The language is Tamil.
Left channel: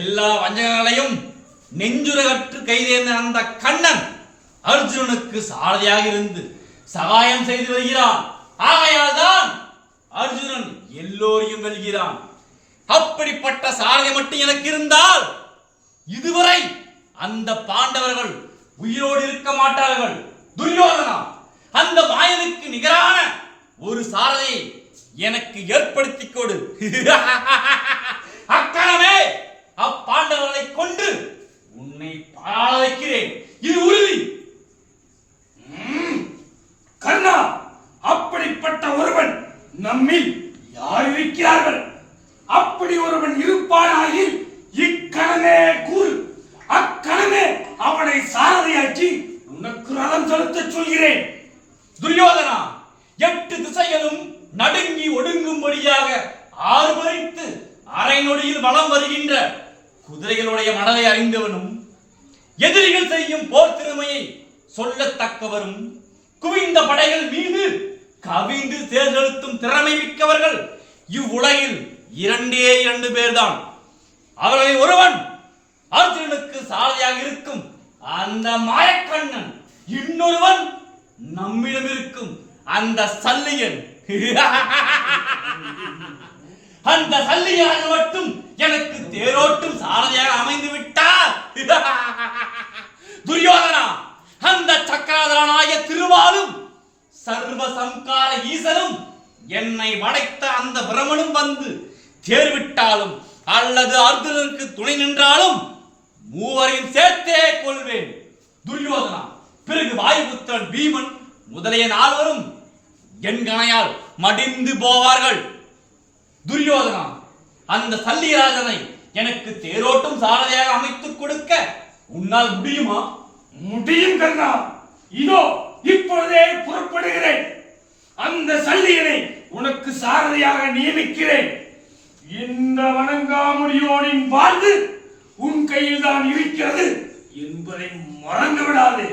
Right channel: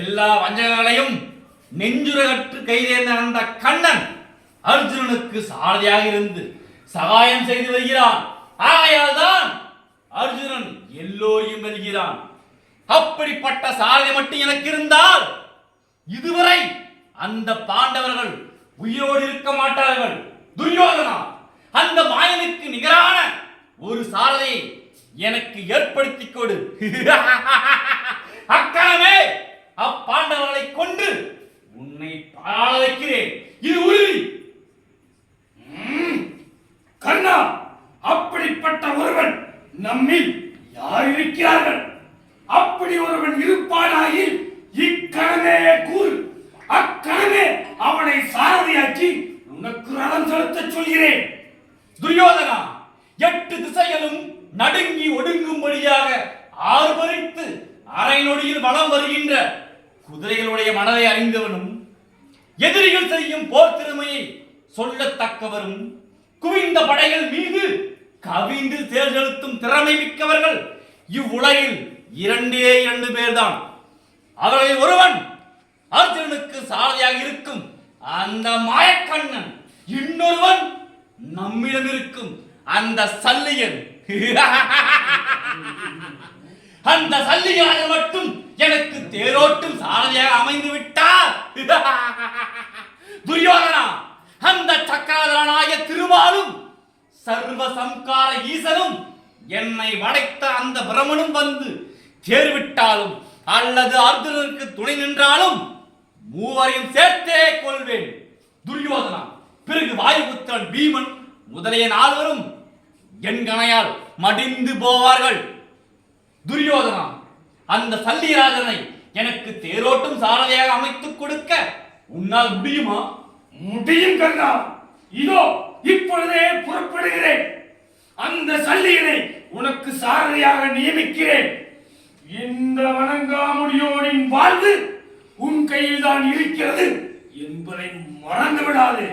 எல்லா வஞ்சகங்களையும் நெஞ்சுரகற்று கைதேர்ந்த அந்த கண்ணன் அர்ஜுனனுக்கு சாரதியாக இருந்து சகாயம் செய்து வருகிறான். ஆகையால் தான் அர்ஜுனன் எல்லோரையும் வெல்கிறான். அப்படிப்பட்ட சாரதி மட்டும் எனக்கு இருந்தால் இதுவரை அந்த பாண்டவர்கள் உயிரோடு இருக்க மாட்டார்கள். துரியோதனா, அந்த மாயனுக்கு நிகரான ஒரு சாரதியை எனக்கு ஏற்படுத்தி கொடு. அக்கணமே அப்பாண்டவர்களை கொண்டு உன்னை பாழ வைக்கிறேன். இது உறுதி. கர்ணா, அப்படிப்பட்ட ஒருவன் நம்மில் யார் இருக்கிறார்கள்? அப்படி ஒருவன் இருப்பானாயில் இக்கணமே கூறு. அக்கணமே அவனை சாரதியாக்கி உனக்கு ரதம் செலுத்த சொல்கிறேன். துரியோதனா, 8 திசைகளும் நடுங்கி ஒடுங்கும்படியாக ஆர்ப்பரித்து அரை நொடியில் வலம் வருகின்ற குதிரைகளுடைய மனதை அறிந்தவனும் எதிரிகள் செய்யும் போர் திறமையை சொல்லத்தக்கவரும் குவிந்த படைகள் மீது கவிந்து தேர் செலுத்தும் திறமை மிக்கவர்கள் இவ்வுலகில் 2 பேர்தான். அவர்களில் ஒருவன் அர்ஜுனனுக்கு சாரதியாக இருக்கும் அந்த மாயக்கண்ணன், இன்னொருவன் நம்மிடம் இருக்கும் அந்த சல்லியன். அந்த சல்லியனாக மட்டும் எனக்கு தேரோட்டும் சாரதியாக அமைந்து விட்டார். துரியோதனா, அந்த சக்கராதரனாய திருமாலும் சர்வ சம்கார ஈசனும் என்னை வளைத்த அந்த பிரமனும் வந்து தேர்விட்டாலும் அல்லது அர்ஜுனனுக்கு துணை நின்றாலும் மூவரையும் சேர்த்தே கொள்வேன். துரியோதனா, பிறகு வாயுபுத்திரன் பீமன் முதலிய 4 என் கணையால் மடிந்து போவார்கள். துரியோதனா, அந்த சல்லிராஜனை எனக்கு தேரோட்டும் சாரதியாக அமைத்துக் கொடுக்க உன்னால் முடியுமா? முடியும் கர்ணா. இதோ இப்பொழுதே புறப்படுகிறேன். அந்த சல்லியனை உனக்கு சாரதியாக நியமிக்கிறேன். இந்த வணங்காமுடியோனின் வாழ்வு உன் கையில் தான் இருக்கிறது என்பதை மறந்து விடாதே.